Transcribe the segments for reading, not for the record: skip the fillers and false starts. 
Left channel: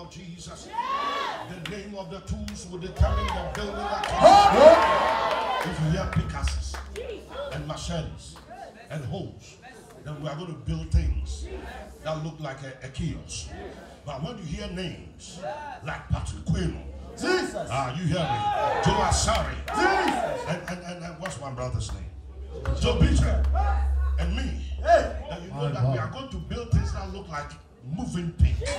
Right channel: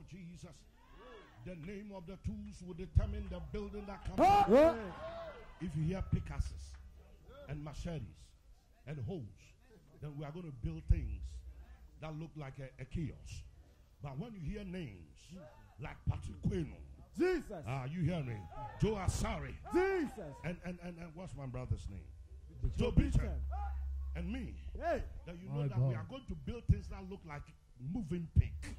of Jesus. The name of the tools will determine the building that if you hear pickaxes and machetes and hoes, then we are going to build things that look like a kiosk. But when you hear names like Patrick Quinn, Jesus, you hear me? Joe Asari, and what's my brother's name? Joe Peter and me. And you know that we are going to build things that look like moving pigs.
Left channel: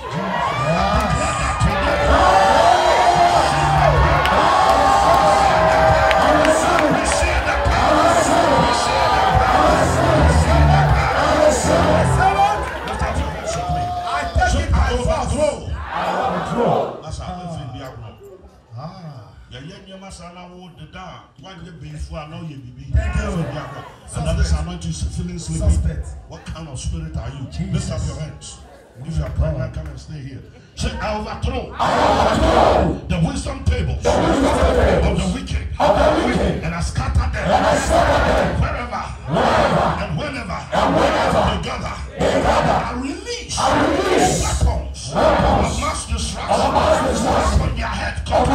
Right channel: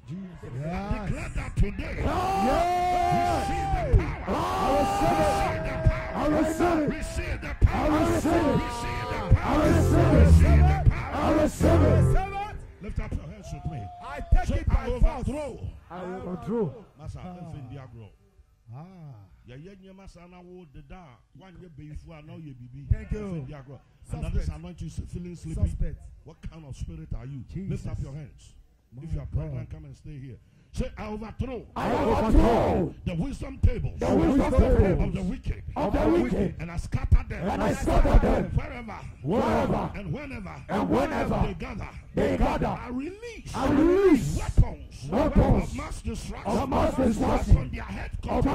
What kind of spirit are you? Lift up your hands. If you are pregnant, come and stay here. Say, I overthrow the wisdom table of the wicked, and I scatter them wherever and whenever they gather. I release weapons of mass destruction when their head comes.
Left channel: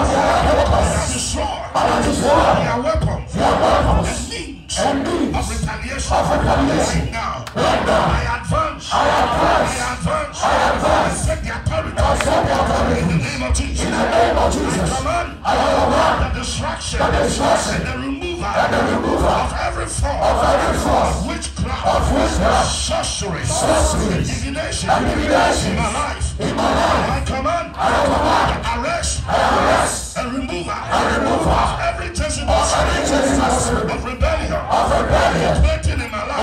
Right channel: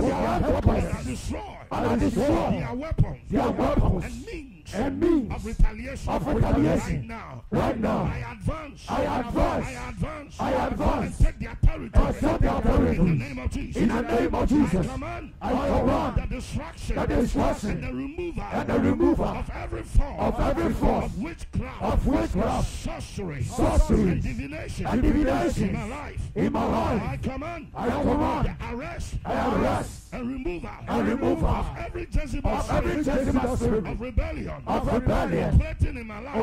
I destroy their weapons and means of retaliation. Right now, I advance. I set the authority in the name of Jesus. I command the destruction and the removal of every form of witchcraft, sorcery, divination in my life. I command the arrest and removal of every tangible spirit of rebellion operating in my life.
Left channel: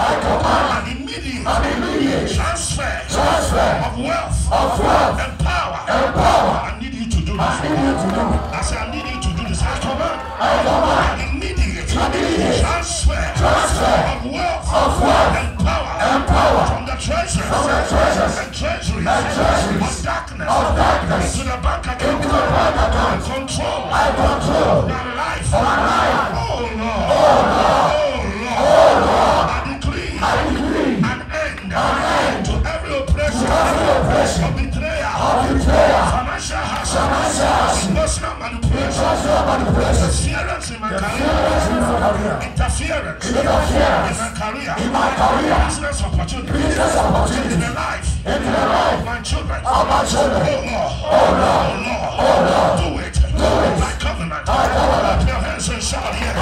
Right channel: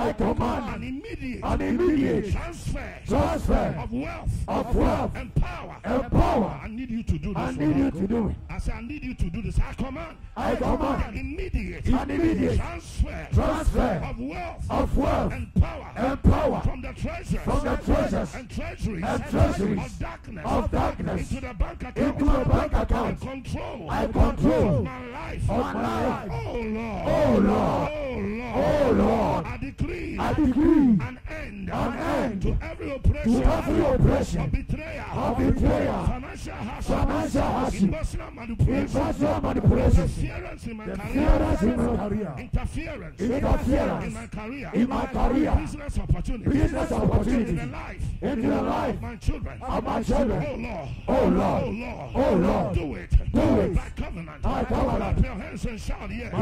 I command an immediate transfer of wealth and power. I need you to do this. I said, I need you to do this. I command an immediate transfer of wealth and power from the treasury of darkness into the bank account and control my life. Oh Lord, I decree an end to every oppression of betrayal, financial hardship, emotional manipulation, interference in my career, interference in my career, business opportunities, in the life of my children. Oh Lord, do it. My covenant. Clap your hands and shout yes.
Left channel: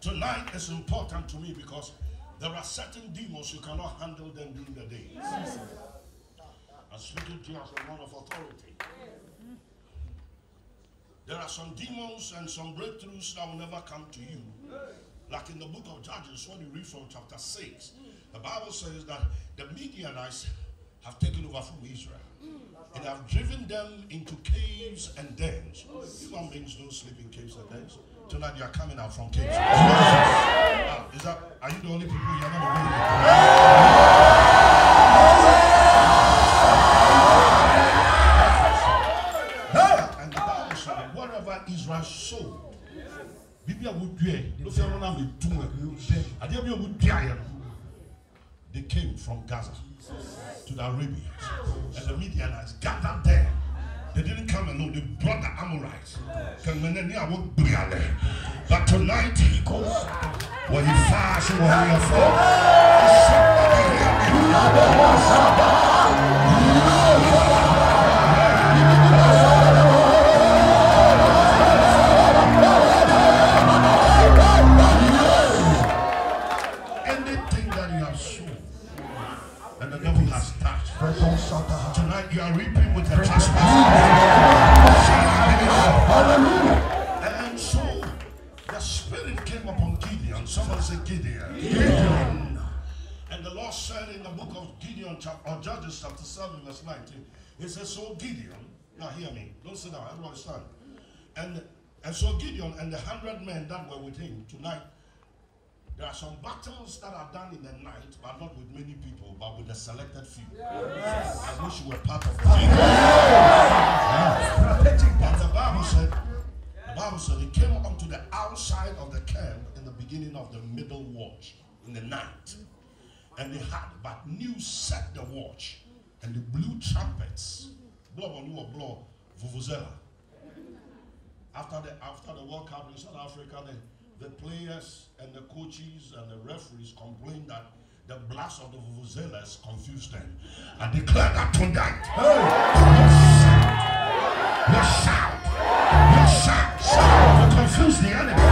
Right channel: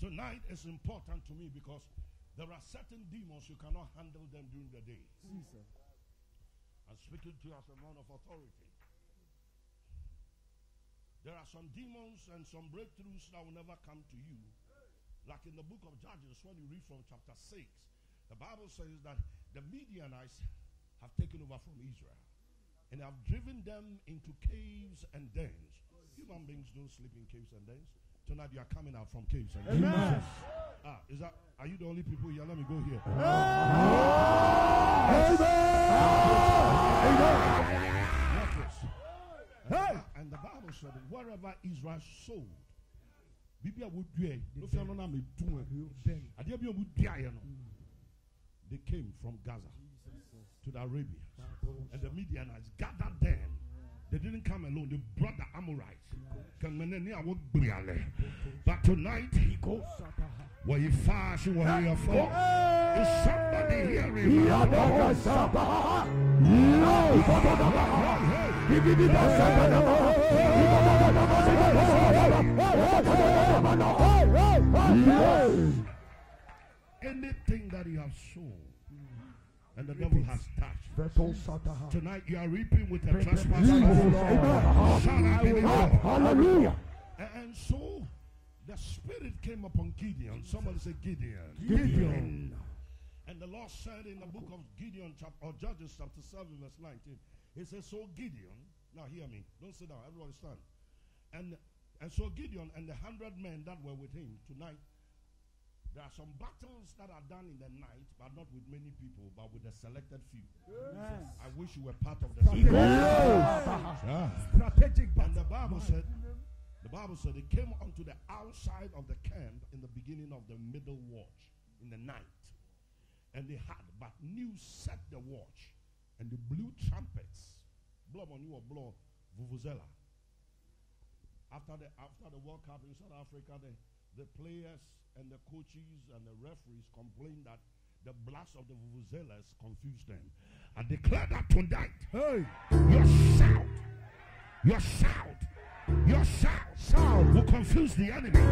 Tonight is important to me because there are certain demons you cannot handle them during the day. I'm speaking to you as a man of authority. There are some demons and some breakthroughs that will never come to you. Like in the book of Judges, when you read from chapter 6, the Bible says that the Midianites have taken over from Israel. And have driven them into caves and dens. Human beings don't sleep in caves and dens. Tonight they are coming out from caves. Are you the only people here? And the Bible said, whatever Israel sowed, they came from Gaza to the Arabians. And the Midianites gathered there. They didn't come alone, they brought the Amorites. But tonight, when you fast, when you anything that you have sown and the devil has touched, tonight you are reaping with the and so the spirit came upon Gideon. Someone said Gideon. And the Lord said in the book of Gideon, or Judges chapter 7, verse 19, it says, so Gideon, now hear me, don't sit down, everybody stand. And so Gideon and the 100 men that were with him tonight, there are some battles that are done in the night, but not with many people, but with the selected few. I wish you were part of it. And the Bible said they came onto the outside of the camp in the beginning of the middle watch in the night. And they had but new set the watch. And they blew trumpets. Blow vuvuzela. After the World Cup in South Africa, the players and the coaches and the referees complained that the blast of the vuvuzelas confused them. I declare that tonight. Your shout will confuse the enemy.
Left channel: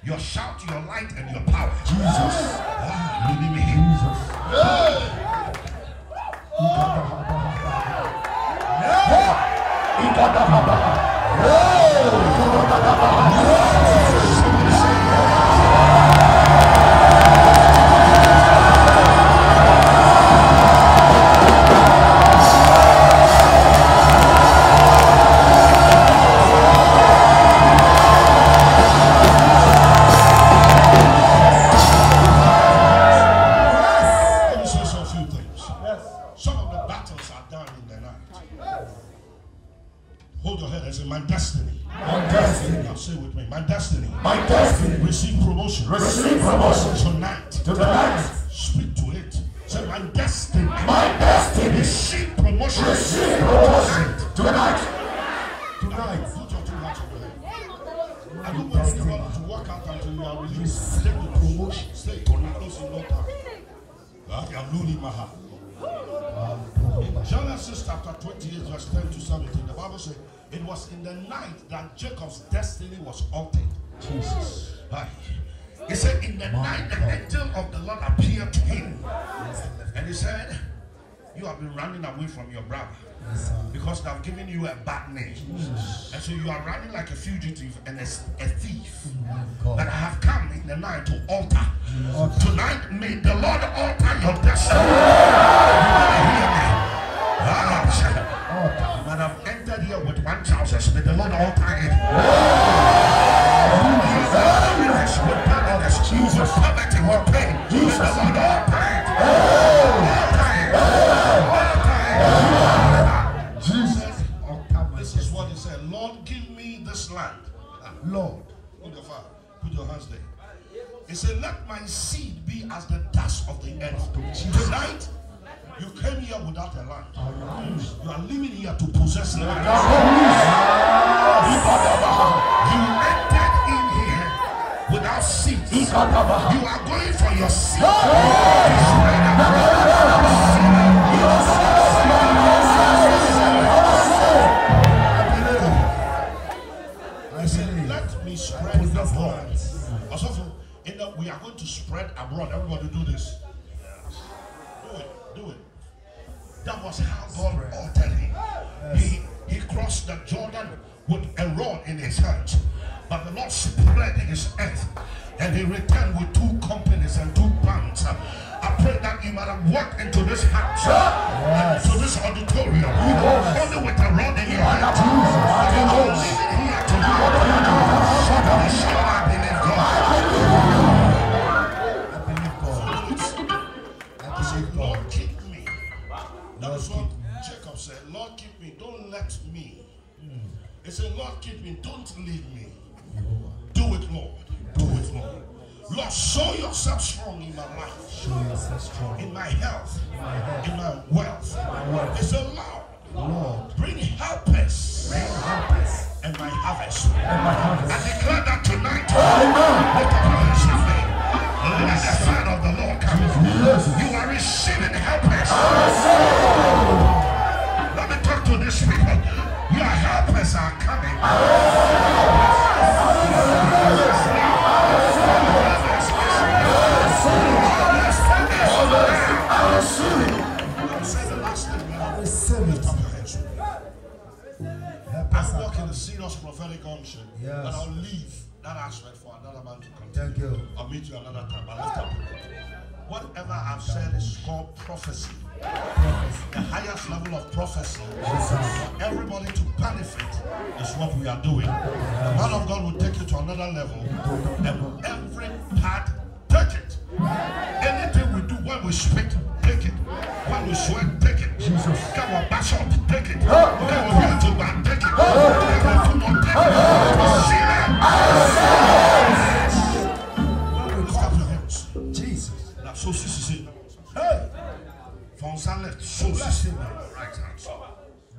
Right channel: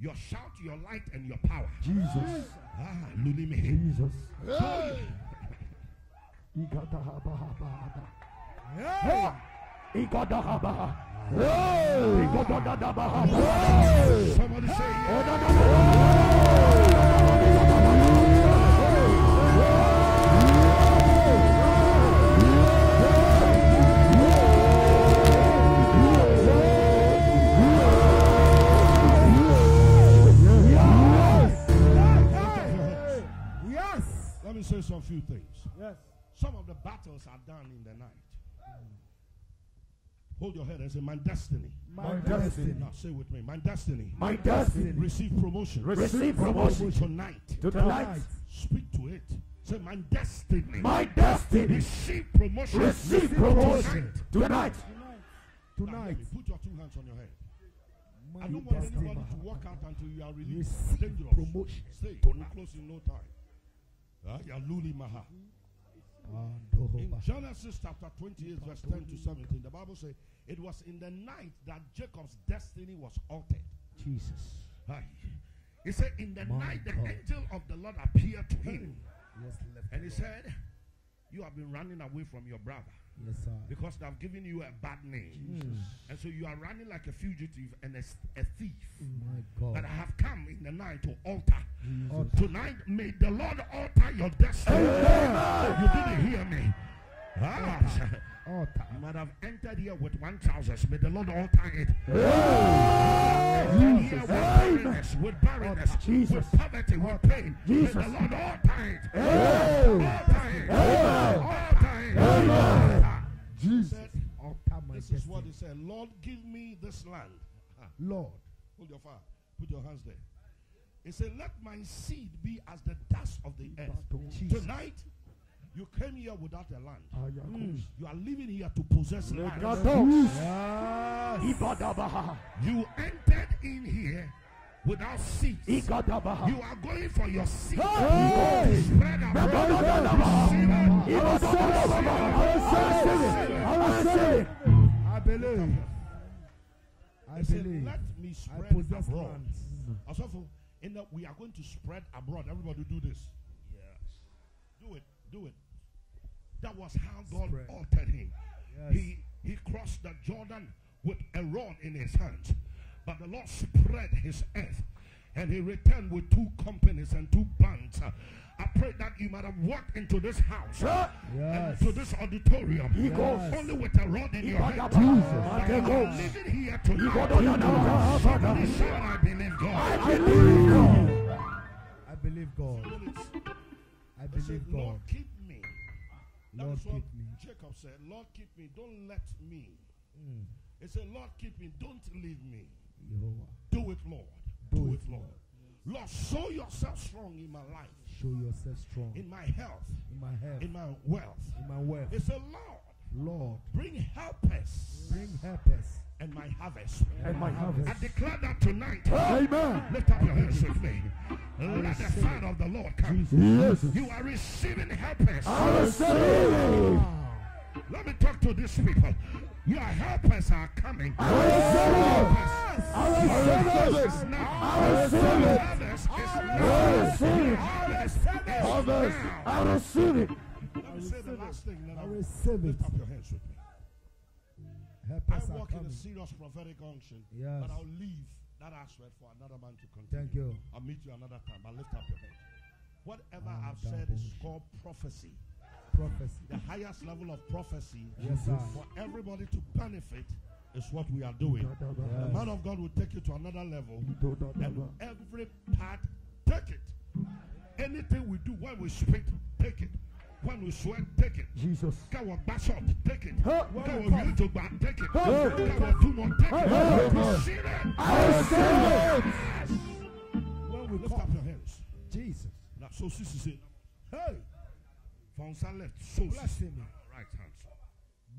Your shout, your light, and your power. Jesus. Believe me. Genesis chapter 28, verse 10 to 17. The Bible says it was in the night that Jacob's destiny was altered. Jesus. Right. He said, in the night the angel of the Lord appeared to him. And he said, you have been running away from your brother because they have given you a bad name. And so you are running like a fugitive and a thief. But I have come in the night to alter. Tonight may the Lord alter your destiny. You might have entered here with one trousers. May the Lord alter it. Jesus, poverty or pain. Jesus, the Lord alter it. Jesus, this is what he said. Lord, give me this land. Lord, put your hands there. He said, let my seed be as the dust of the earth. Tonight, you came here without a land. You are living here to possess land. You entered in here You are going for your seat. Let me spread abroad. We are going to spread abroad. Everybody do this. Do it. That was how God altered him. He crossed the Jordan with a rod in his hands. But the Lord spread his earth. And he returned with 2 companies and 2 bands. I pray that you might have walked into this house, into this auditorium, only with a rod in your hand. You don't leave it here to do it. I believe God. Lord, keep me. That's what Jacob said. Lord, keep me. Don't let me. He said, Lord, keep me. Don't leave me. Do it, Lord. Do it, Lord. Lord, show yourself strong in my life. Show yourself strong. In my health. In my wealth. He said, Lord, bring helpers. And my harvest. I declare that tonight. Let the fire of the Lord come. You are receiving helpers. Let me talk to these people. Your helpers are coming. I walk in a serious prophetic unction, and I'll leave that aspect for another man to continue. Thank you. I'll meet you another time. But lift up. Whatever I've said is called prophecy. The highest level of prophecy for everybody to benefit is what we are doing. The man of God will take you to another level, and every part, take it. Anything we do when we speak, take it. When we sweat, take it. Come on, mash up, take it. Come on, here to man, take it. Come on, to one, take it. See that? Lift up your hands. Jesus. Now, so see. Hey. From sun left, so see right hand.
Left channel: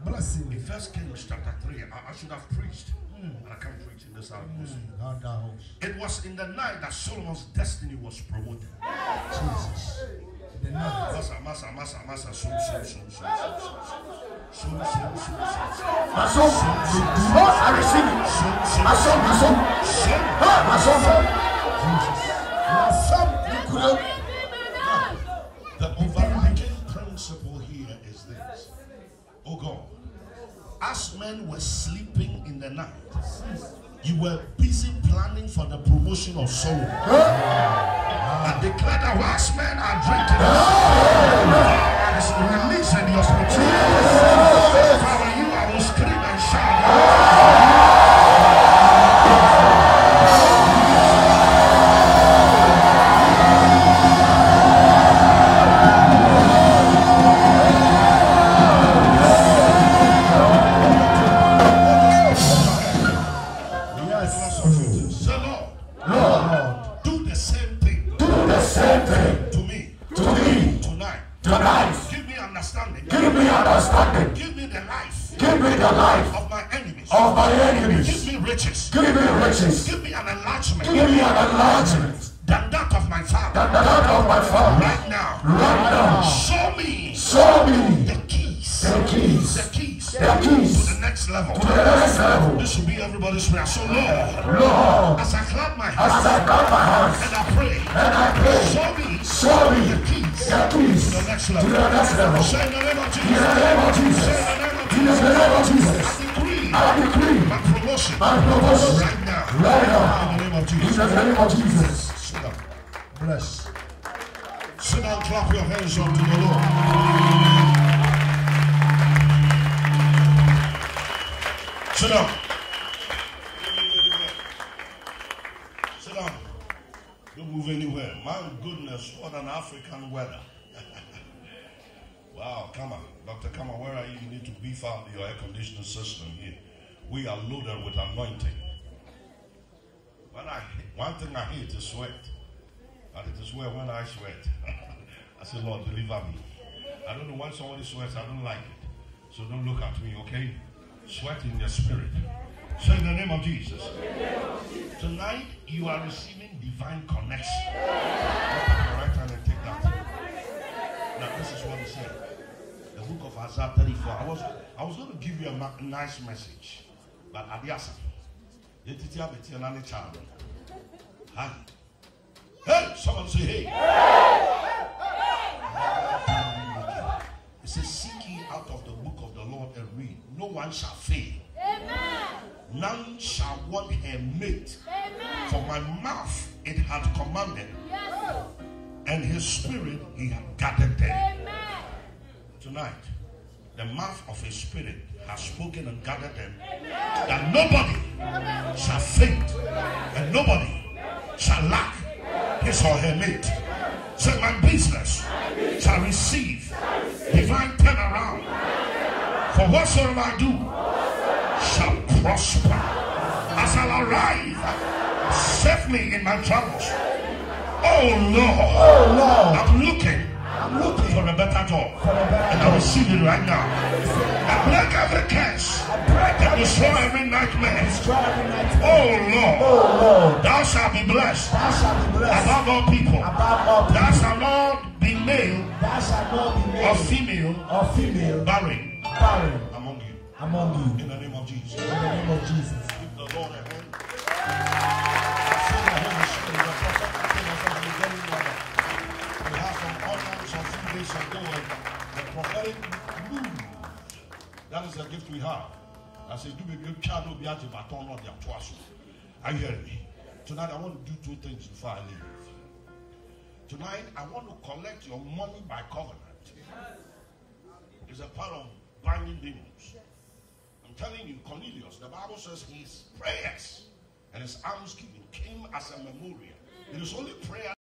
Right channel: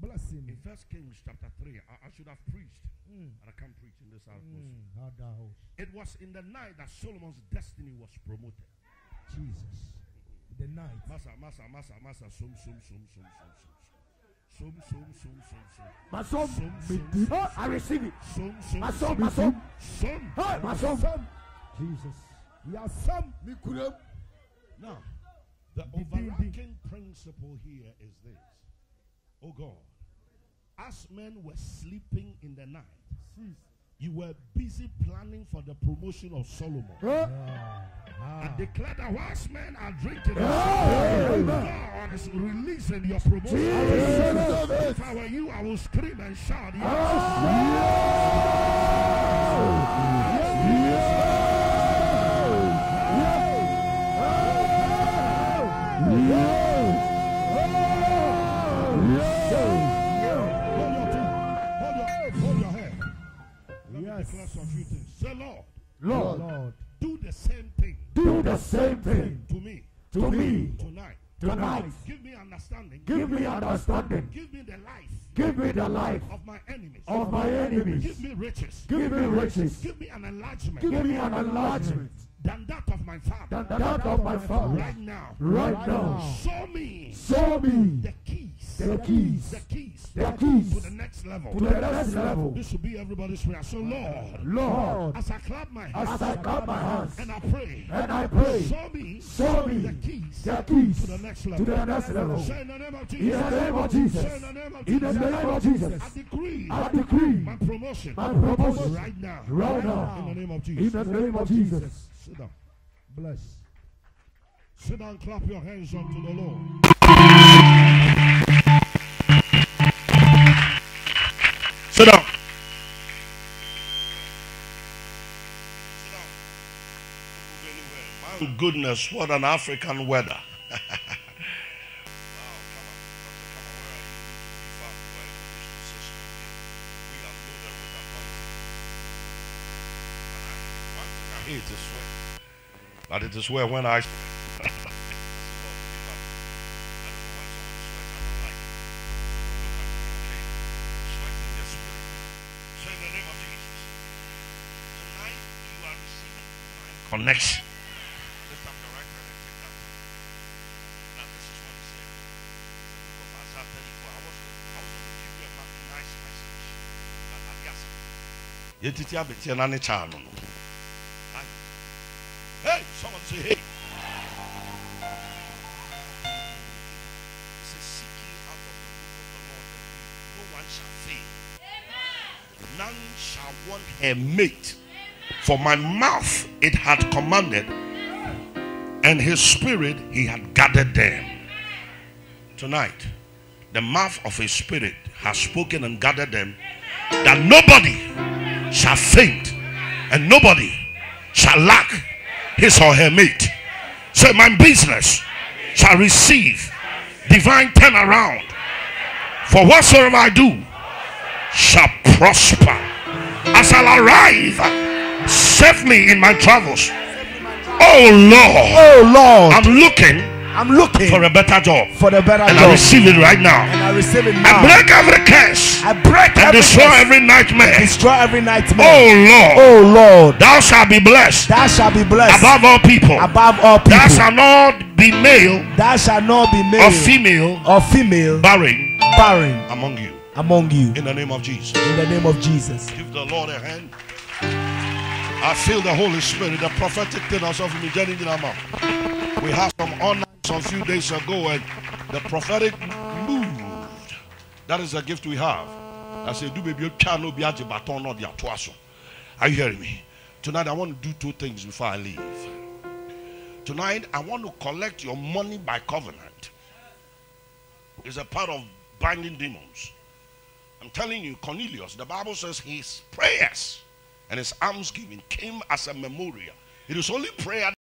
Blessing. In 1 Kings chapter 3, I should have preached. And I can't preach in this house. It was in the night that Solomon's destiny was promoted. Jesus. Massa. The overriding principle here is this. Oh God, as men were sleeping in the night, you were busy planning for the promotion of Solomon. I declare that whilst men are drinking, God is releasing your spirit. If I were you, I will scream and shout. Give me an enlargement than that of my father. Right now. Show me the keys to the next level. This will be everybody's prayer. So Lord, as I clap my hands and I pray, show me the keys to the next level. Say in the name of Jesus. Say in the name of Jesus. I decree my promotion right now. In the name of Jesus. Sit down. Bless. Sit down, clap your hands up to the Lord. Sit down. Sit down. Don't move anywhere. My goodness, what an African weather. We are loaded with anointing. One thing I hate is sweat. But it is well when I sweat. That's the Lord, deliver me. I don't know what someone sweats, I don't like it. So don't look at me, okay? Sweat in your spirit. Say in the name of Jesus. Tonight, you are receiving divine divine connection. This is what he said. The book of Isaiah 34. I was going to give you a nice message. Abiasa. Yetiti abeti na ne child. Hey, someone say hey. Say seeking out of the book of the Lord and read. No one shall fail. None shall want a mate. For my mouth it had commanded, and his spirit he had gathered them. Tonight, the mouth of his spirit has spoken and gathered them, that nobody shall faint and nobody shall lack his or her mate. So my business shall receive divine turnaround. For whatsoever I do shall prosper. As I'll arrive, save me in my travels. Oh Lord, I'm looking for a better job. And I receive it right now. I break every curse. And destroy every nightmare. Oh Lord, thou shalt be blessed. Above all people. Thou shalt not be male. Or female. Barren. Among you. In the name of Jesus. Give the Lord a hand. I feel the Holy Spirit, the prophetic thing ourselves in the journey in our mouth. We have some honor some few days ago, and the prophetic moved. That is the gift we have. I say, do baby, you cannot be at the baton or the atuaso. Are you hearing me? Tonight, I want to do two things before I leave. Tonight, I want to collect your money by covenant. It's a part of binding demons. I'm telling you, Cornelius, the Bible says his prayers and his almsgiving came as a memorial. It is only prayer